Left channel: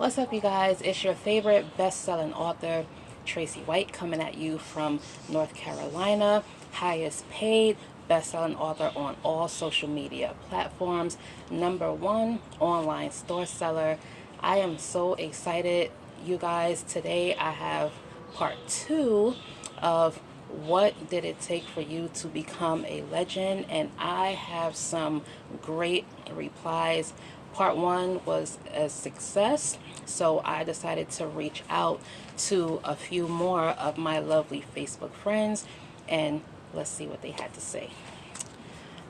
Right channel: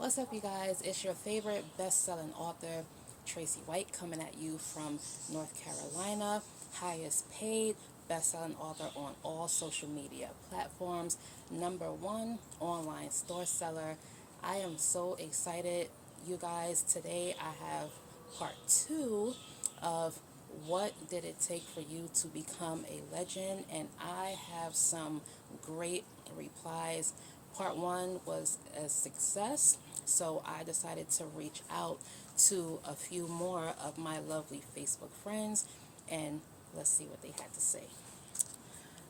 What's up, you guys? It's your favorite best-selling author, Tracy White, coming at you from North Carolina. Highest paid best-selling author on all social media platforms. Number one online store seller. I am so excited, you guys. Today I have part two of what did it take for you to become a legend, and I have some great replies. Part one was a success, so I decided to reach out to a few more of my lovely Facebook friends, and let's see what they had to say.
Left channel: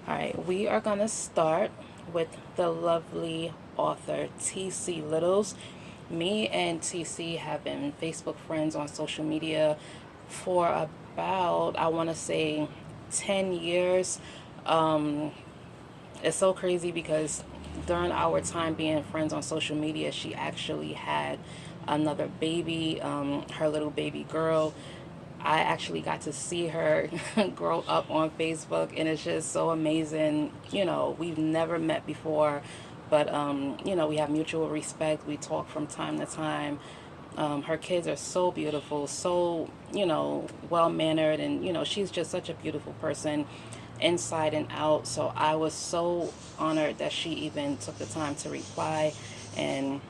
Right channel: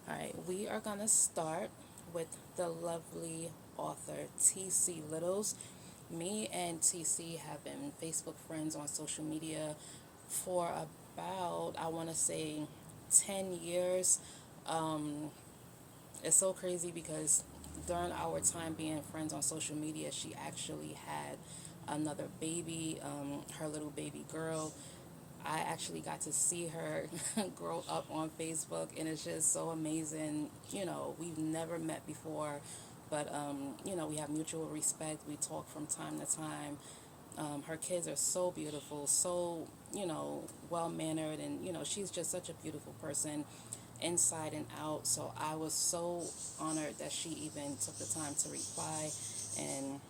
All right, we are going to start with the lovely author TC Littles. Me and TC have been Facebook friends on social media for about, I want to say, 10 years. It's so crazy because during our time being friends on social media, she actually had another baby, her little baby girl. I actually got to see her grow up on Facebook, and it's just so amazing. We've never met before, but we have mutual respect. We talk from time to time. Her kids are so beautiful, so well mannered, and she's just such a beautiful person inside and out. So I was so honored that she even took the time to reply. And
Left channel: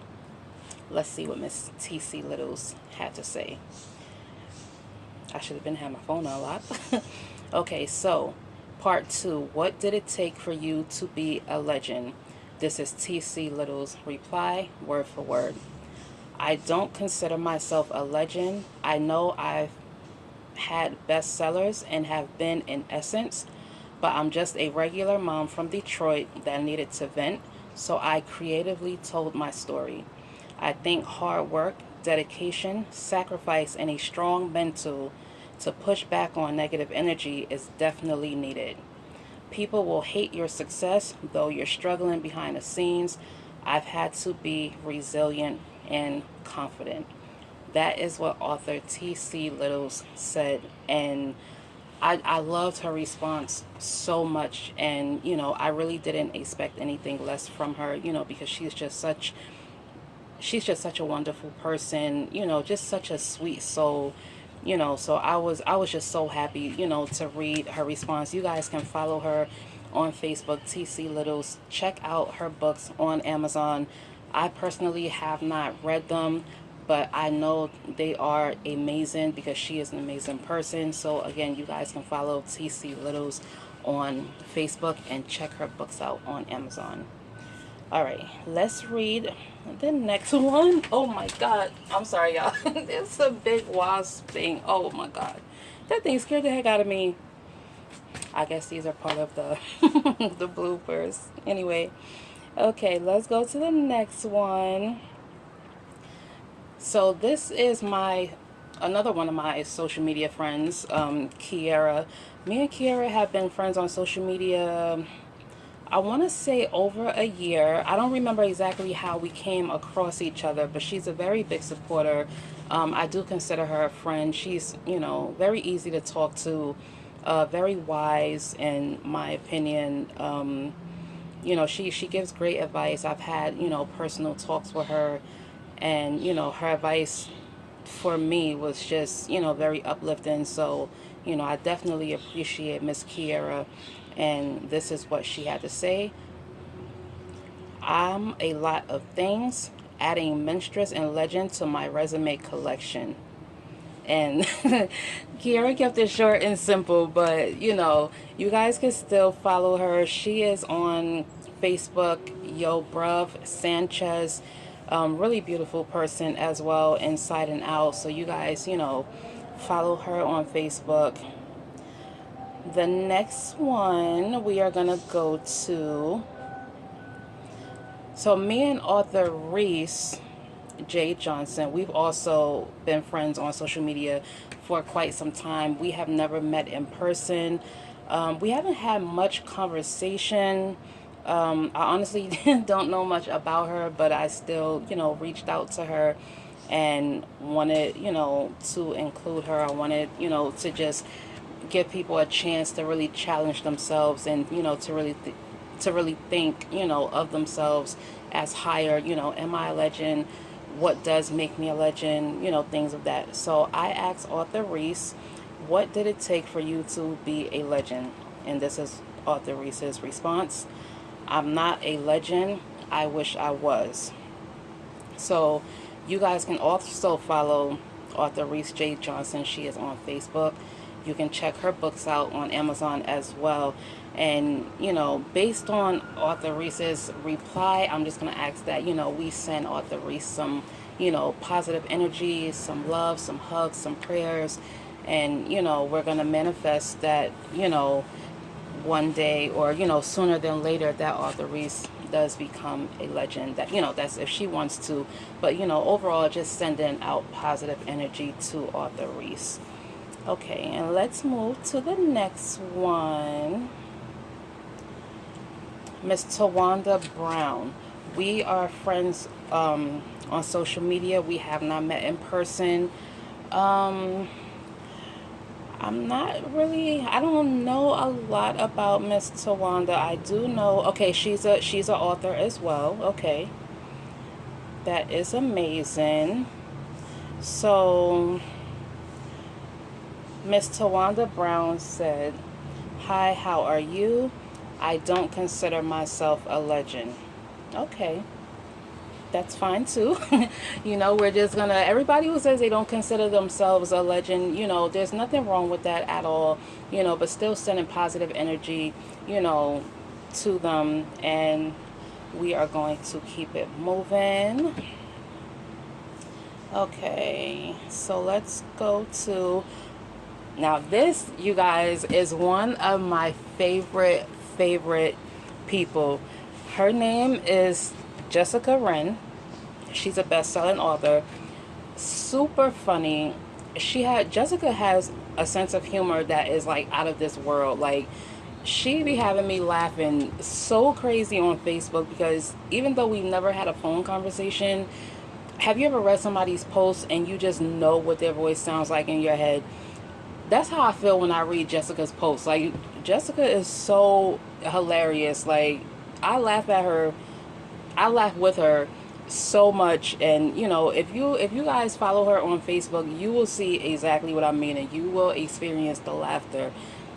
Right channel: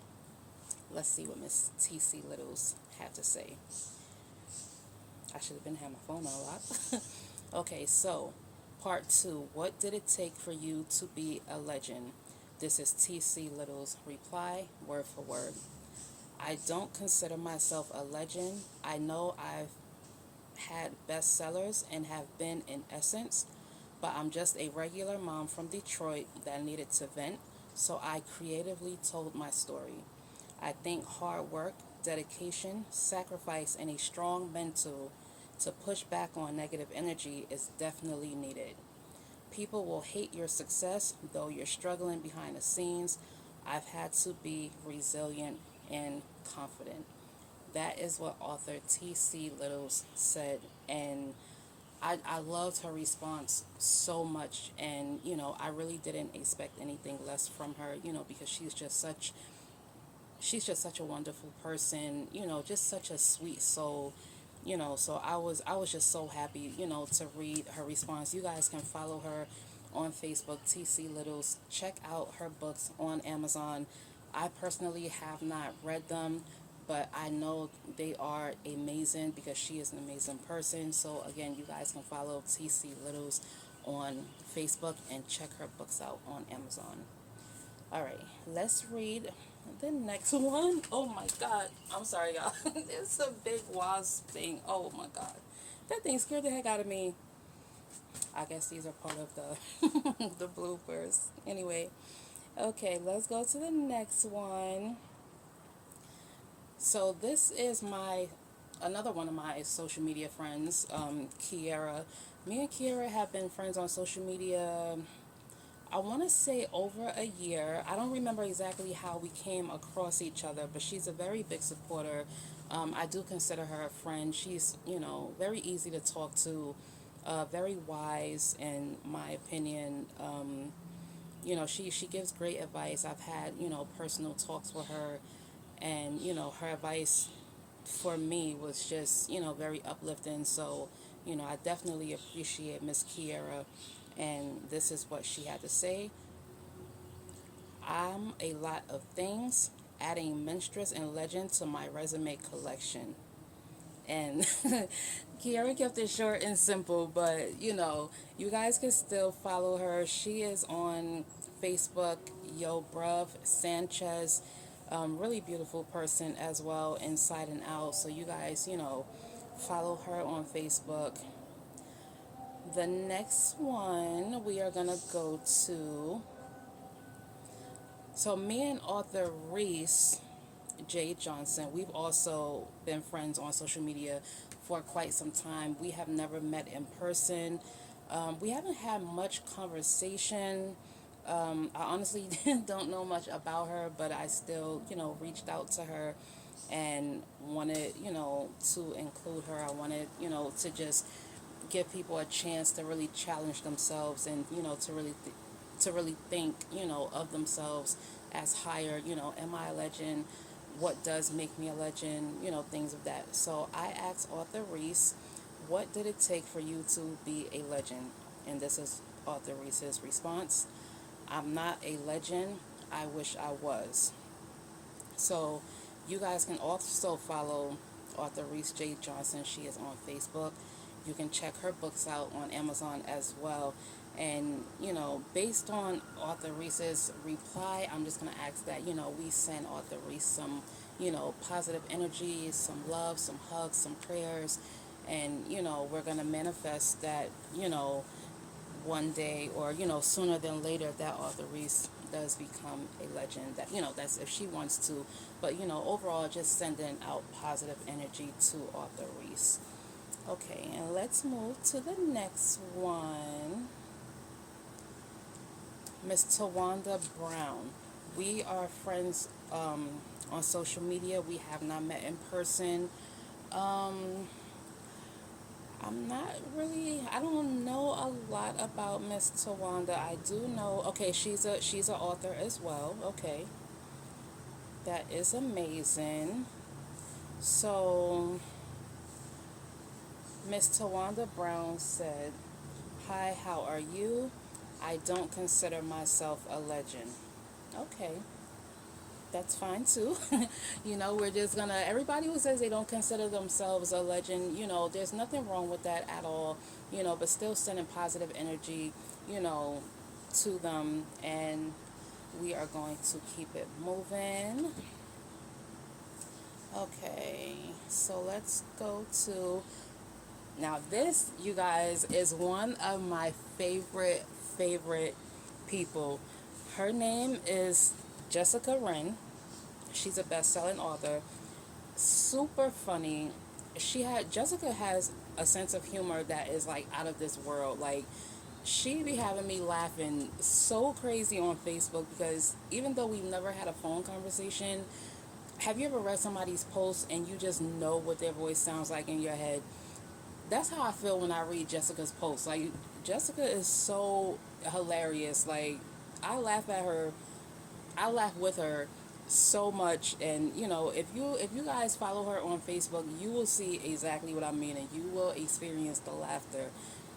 let's see what Miss TC Littles had to say. I should have been having my phone on a lot. Okay, so part two. What did it take for you to be a legend? This is TC Little's reply, word for word. I don't consider myself a legend. I know I've had bestsellers and have been in essence, but I'm just a regular mom from Detroit that needed to vent, so I creatively told my story. I think hard work, dedication, sacrifice, and a strong mental to push back on negative energy is definitely needed. People will hate your success, though you're struggling behind the scenes. I've had to be resilient and confident. That is what author T.C. Littles said, and I loved her response so much. And I really didn't expect anything less from her, because she's just such a wonderful person, just such a sweet soul. So I was just so happy, to read her response. You guys can follow her on Facebook, TC Littles. Check out her books on Amazon. I personally have not read them, but I know they are amazing because she is an amazing person. So again, you guys can follow TC Littles on Facebook and check her books out on Amazon. All right, let's read the next one. Oh my God, I'm sorry, y'all. It's a big wasp thing. Oh my God, that thing scared the heck out of me. I guess these are part of the the bloopers. Anyway, okay, let's go to the next one. So this is my another one of my social media friends, Kiara. Me and Kiara have been friends on social media, I want to say over a year. I don't remember exactly how we came across each other, but she's a very big supporter. I do consider her a friend. She's, very easy to talk to, very wise, in my opinion. She gives great advice. I've had, personal talks with her, and, her advice for me was just, very uplifting. So, I definitely appreciate Miss Kiera, and this is what she had to say. I'm a lot of things, adding minstress and legend to my resume collection. And Kiara kept it short and simple, but you guys can still follow her. She is on Facebook, Yo Bruv Sanchez. Really beautiful person as well, inside and out. So you guys, follow her on Facebook. The next one we are gonna go to. So me and author Reese J. Johnson, we've also been friends on social media for quite some time. We have never met in person. We haven't had much conversation. I honestly don't know much about her, but I still, reached out to her and wanted, to include her. I wanted, to just give people a chance to really challenge themselves, and, to really think, of themselves as higher. Am I a legend? what does make me a legend, things of that. So I asked Author Reese, what did it take for you to be a legend? And this is Author Reese's response: I'm not a legend. I wish I was. So you guys can also follow Author Reese J. Johnson. She is on Facebook. You can check her books out on Amazon as well. And, based on Author Reese's reply, I'm just going to ask that, we send Author Reese some, positive energy, some love, some hugs, some prayers. And, we're going to manifest that, one day, or sooner than later, that Author Reese does become a legend. That, that's if she wants to. But, overall, just sending out positive energy to Author Reese. Okay, and let's move to the next one. Miss Tawanda Brown. We are friends on social media. We have not met in person. I'm not really, I don't know a lot about Miss Tawanda. I do know, okay, she's an author as well. Okay. That is amazing. So Miss Tawanda Brown said, "Hi, how are you? I don't consider myself a legend." Okay. That's fine too. We're just gonna, everybody who says they don't consider themselves a legend, there's nothing wrong with that at all, but still sending positive energy, to them. And we are going to keep it moving. Okay, so let's go to, now this, you guys, is one of my favorite people. Her name is Jessica Wren. She's a best-selling author. Super funny. Jessica has a sense of humor that is like out of this world. Like, she be having me laughing so crazy on Facebook, because even though we've never had a phone conversation, have you ever read somebody's post and you just know what their voice sounds like in your head? That's how I feel when I read Jessica's posts. Like, Jessica is so hilarious. Like, I laugh at her. I laugh with her so much. And if you guys follow her on Facebook, you will see exactly what I mean, and you will experience the laughter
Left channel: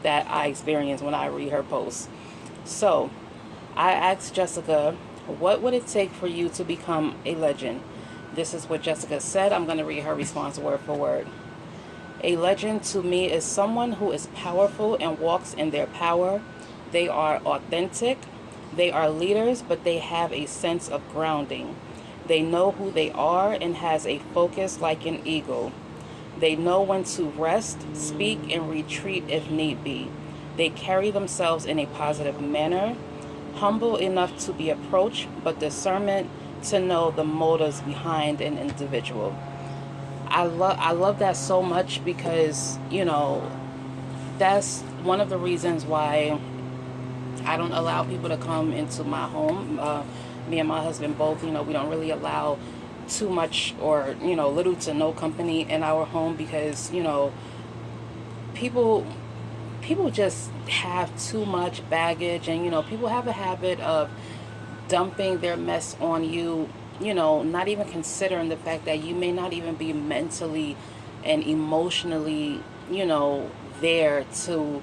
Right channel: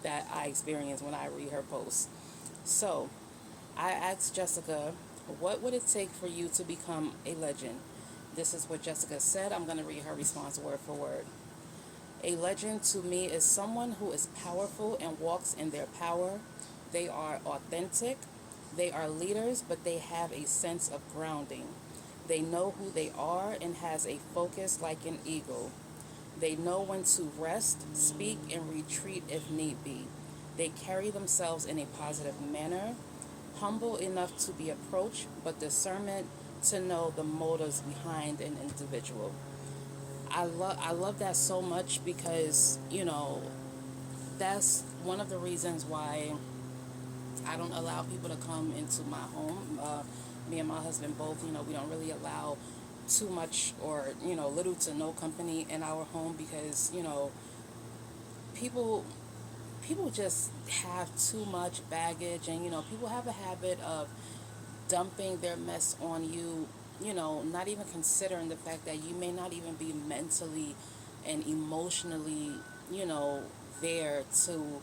that I experience when I read her posts. So I asked Jessica, what would it take for you to become a legend? This is what Jessica said. I'm going to read her response word for word. A legend to me is someone who is powerful and walks in their power. They are authentic. They are leaders, but they have a sense of grounding. They know who they are and has a focus like an eagle. They know when to rest, speak, and retreat if need be. They carry themselves in a positive manner, humble enough to be approached, but discernment to know the motives behind an individual. I love that so much, because that's one of the reasons why I don't allow people to come into my home. Me and my husband both, we don't really allow too much, or little to no company in our home, because people people just have too much baggage, and people have a habit of dumping their mess on you, not even considering the fact that you may not even be mentally and emotionally, there to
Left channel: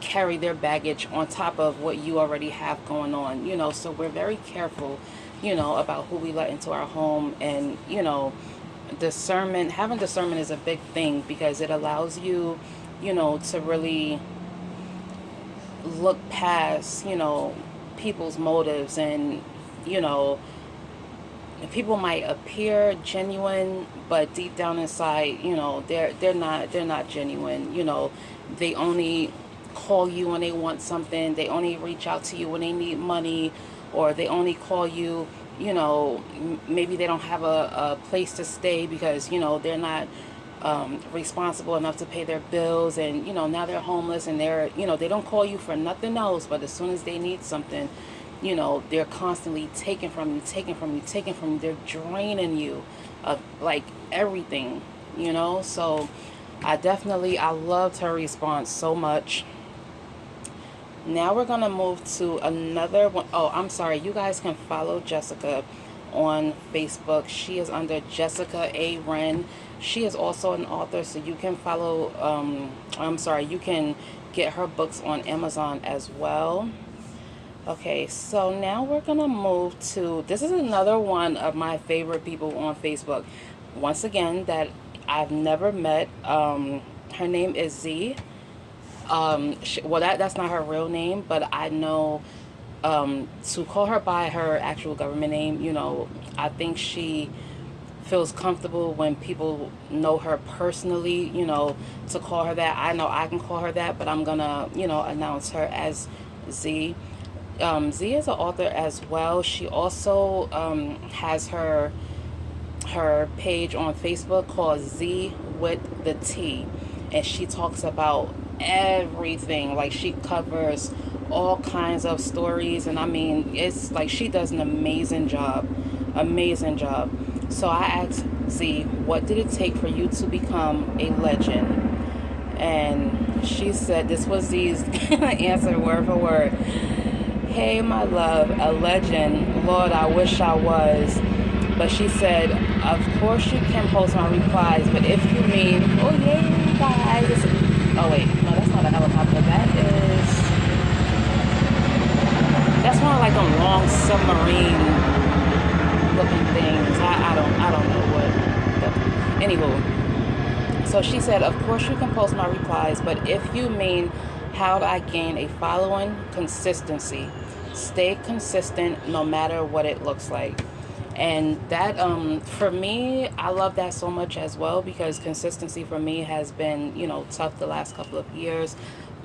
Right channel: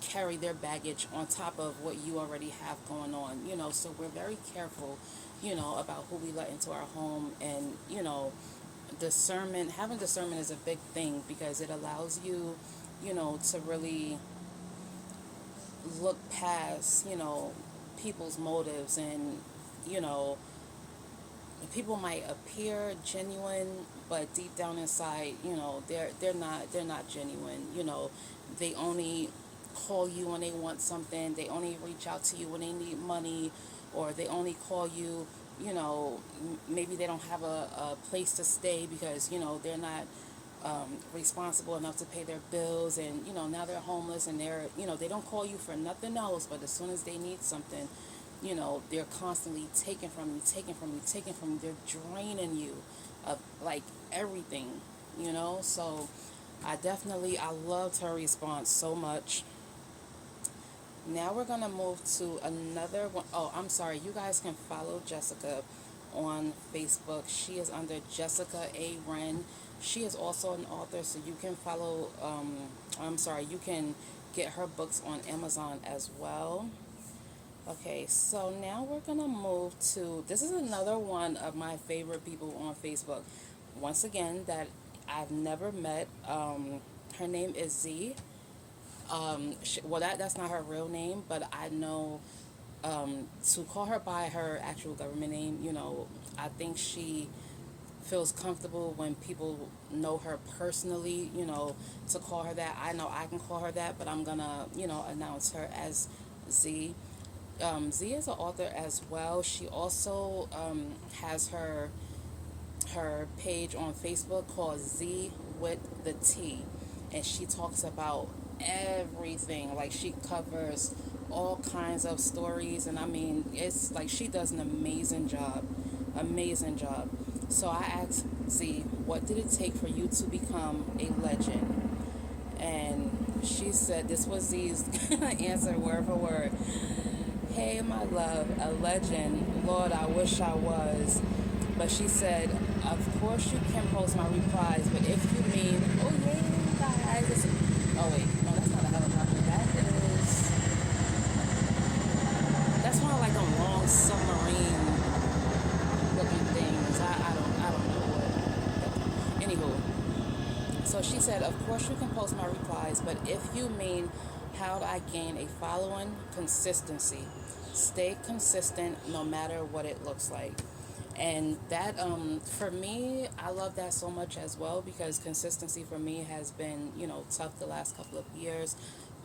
carry their baggage on top of what you already have going on, so we're very careful, about who we let into our home. And, having discernment is a big thing, because it allows you, to really look past, people's motives. And, people might appear genuine, but deep down inside, they're not genuine. They only call you when they want something. They only reach out to you when they need money, or they only call you, maybe they don't have a place to stay, because they're not responsible enough to pay their bills, and now they're homeless, and they don't call you for nothing else, but as soon as they need something, they're constantly taking from you, they're draining you of like everything, so I loved her response so much. Now we're gonna move to another one. Oh, I'm sorry, you guys can follow Jessica on Facebook. She is under Jessica A. Wren. She is also an author, so you can follow, you can get her books on Amazon as well. Okay, so now we're gonna move to, this is another one of my favorite people on Facebook. Once again, that I've never met. Her name is Z. That's not her real name, but I know, to call her by her actual government name, I think she feels comfortable when people know her personally, to call her that. I know I can call her that, but I'm gonna, announce her as Z. Z is an author as well. She also has her page on Facebook called Z with the T, and she talks about everything. Like, she covers all kinds of stories, and I mean, it's like she does an amazing job. So I asked Z, what did it take for you to become a legend? And she said, this was Z's answer word for word. Hey, my love, a legend. Lord, I wish I was. But she said, of course you can post my replies, but if you mean, oh yeah, you guys. Oh wait, no, that's not a helicopter. That's one of like them long submarine looking things. I don't know what. Anywho, so she said, of course you can post my replies, but if you mean how do I gain a following, consistency. Stay consistent no matter what it looks like. And that, for me, I love that so much as well, because consistency for me has been, tough the last couple of years.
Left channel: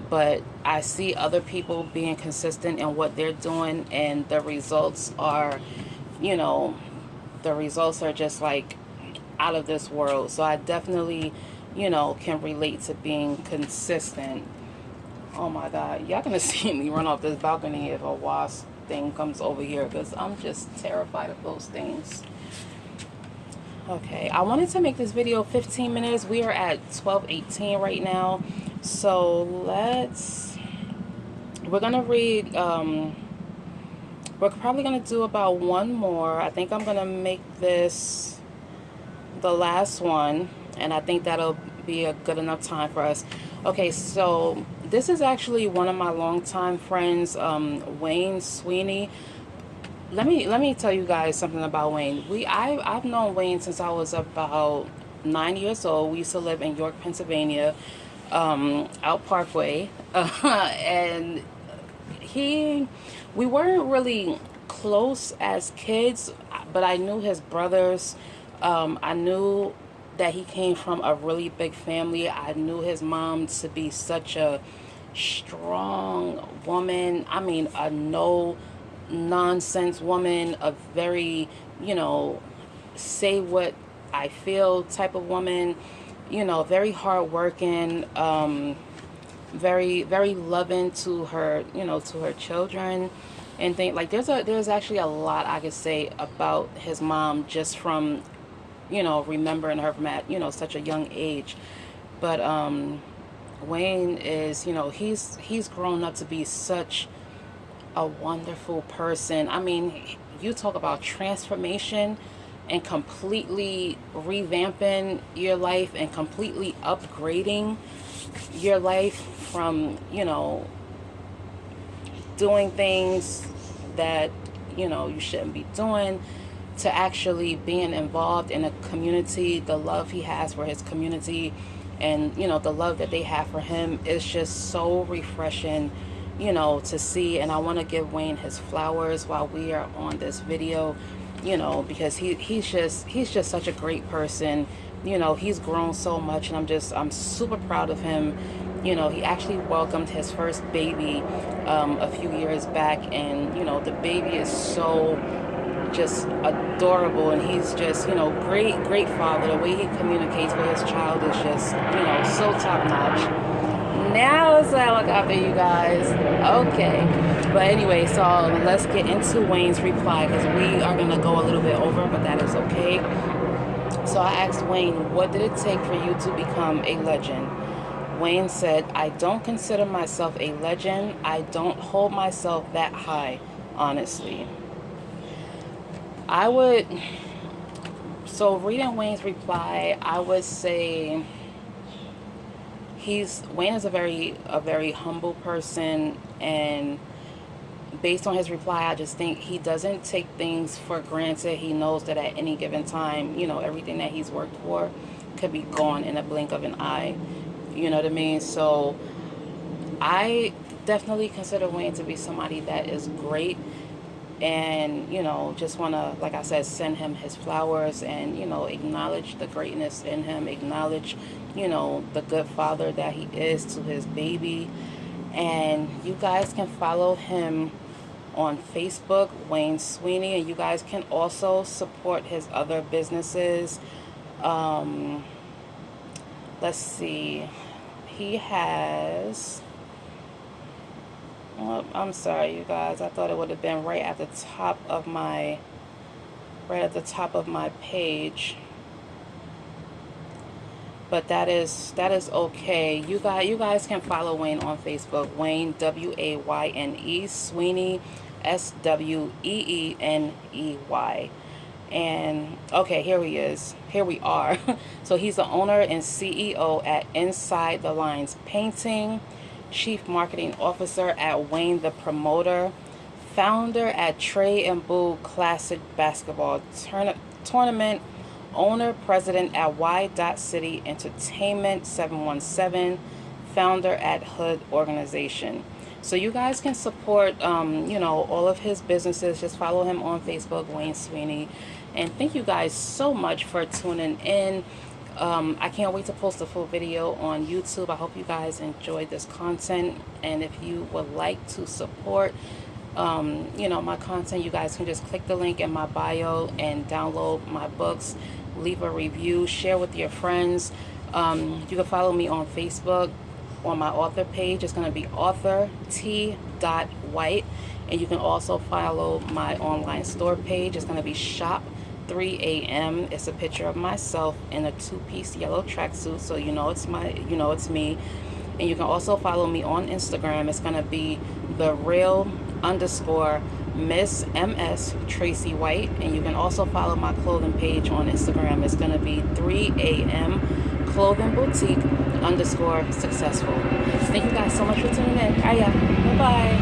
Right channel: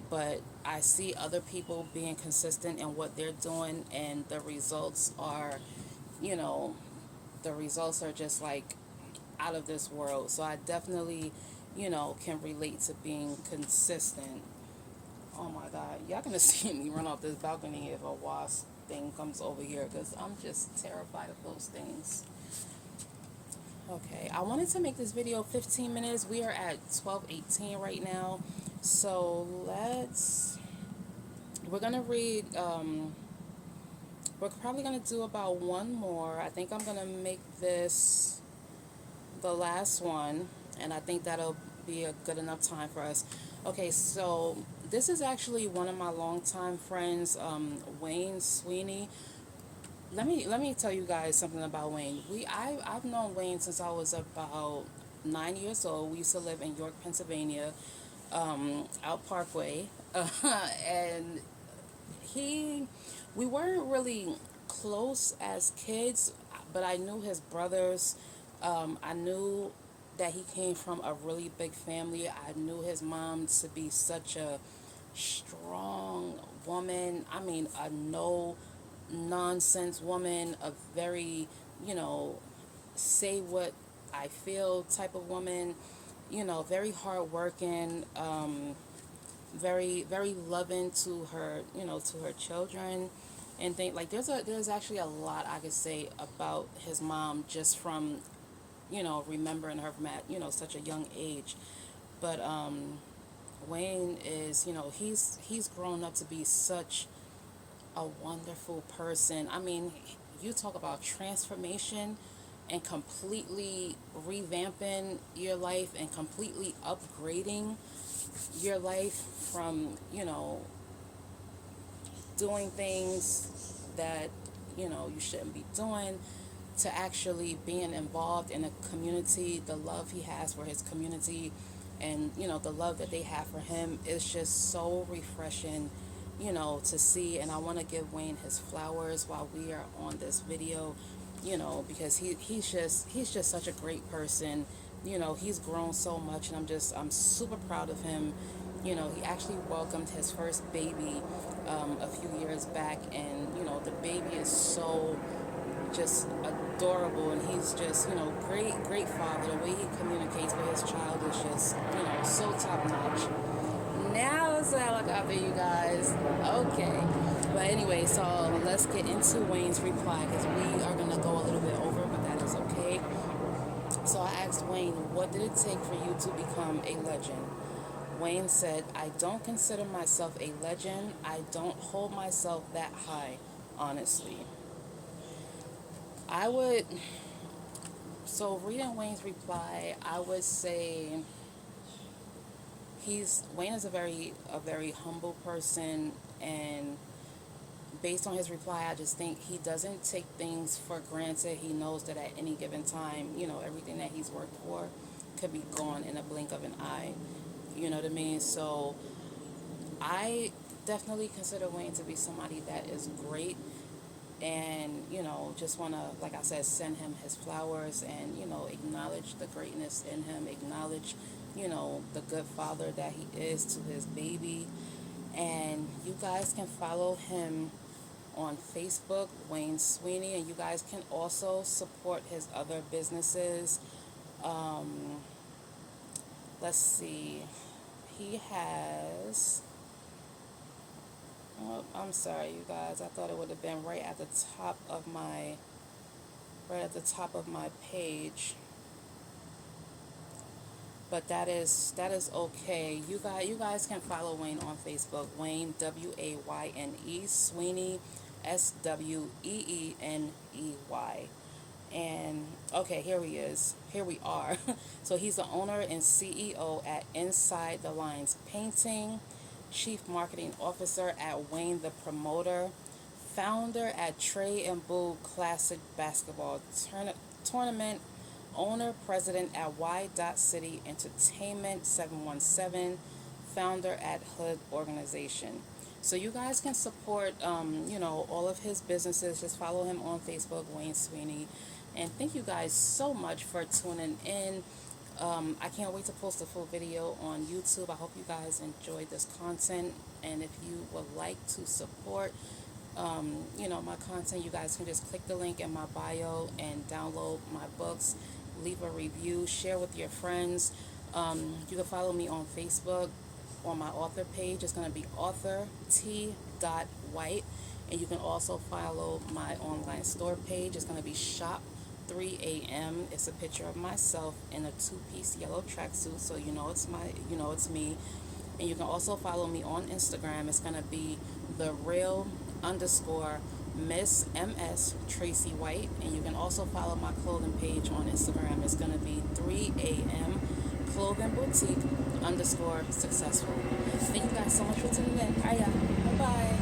But I see other people being consistent in what they're doing, and the results are, you know, the results are just like out of this world. So I definitely, can relate to being consistent. Oh my God, y'all gonna see me run off this balcony if a wasp thing comes over here, because I'm just terrified of those things. Okay, I wanted to make this video 15 minutes. We are at 12:18 right now. So we're gonna read, we're probably gonna do about one more. I think I'm gonna make this the last one, and I think that'll be a good enough time for us. Okay, so this is actually one of my longtime friends, Wayne Sweeney. Let me tell you guys something about Wayne. I've known Wayne since I was about 9 years old. We used to live in York, Pennsylvania, out Parkway, and we weren't really close as kids, but I knew his brothers. I knew that he came from a really big family. I knew his mom to be such a strong woman. I mean, a no nonsense woman, a very, say what I feel type of woman, very hardworking, very, very loving to her, to her children. And think like there's actually a lot I could say about his mom just from, remembering her from at, such a young age. But Wayne is, he's grown up to be such a wonderful person. I mean, you talk about transformation and completely revamping your life and completely upgrading your life from, doing things that, you shouldn't be doing, to actually being involved in a community. The love he has for his community, and the love that they have for him is just so refreshing, to see. And I want to give Wayne his flowers while we are on this video, because he's just such a great person. He's grown so much, and I'm super proud of him. He actually welcomed his first baby a few years back, and the baby is so just adorable, and he's just, great father. The way he communicates with his child is just, so top notch. Now it's a helicopter, you guys. Okay. But anyway, so let's get into Wayne's reply, because we are going to go a little bit over, but that is okay. So I asked Wayne, what did it take for you to become a legend? Wayne said, I don't consider myself a legend. I don't hold myself that high, honestly. I would, so reading Wayne's reply, I would say Wayne is a very humble person, and based on his reply, I just think he doesn't take things for granted. He knows that at any given time, everything that he's worked for could be gone in a blink of an eye. You know what I mean? So I definitely consider Wayne to be somebody that is great, and just want to, like I said, send him his flowers, and acknowledge the greatness in him, acknowledge the good father that he is to his baby. And you guys can follow him on Facebook, Wayne Sweeney, and you guys can also support his other businesses. um let's see, he has, oh, I'm sorry, you guys. I thought it would have been right at the top of my page, but that is okay. You guys can follow Wayne on Facebook. Wayne, Wayne, Sweeney, Sweeneey. And okay, here he is. Here we are. So he's the owner and CEO at Inside the Lines Painting, Chief Marketing Officer at Wayne the Promoter, founder at Trey and Boo Classic Basketball Tournament, owner president at Y. City Entertainment 717, founder at Hood Organization. So you guys can support, all of his businesses. Just follow him on Facebook, Wayne Sweeney. And thank you guys so much for tuning in. I can't wait to post a full video on YouTube. I hope you guys enjoyed this content. And if you would like to support, my content, you guys can just click the link in my bio and download my books, leave a review, share with your friends. You can follow me on Facebook on my author page. It's going to be author T. White. And you can also follow my online store page. It's going to be shop 3 a.m. It's a picture of myself in a two-piece yellow tracksuit, so it's me. And you can also follow me on Instagram. It's going to be the real _ Miss MS Tracy White. And you can also follow my clothing page on Instagram. It's going to be 3 a.m. Clothing Boutique _ successful. Thank you guys so much for tuning in. Bye.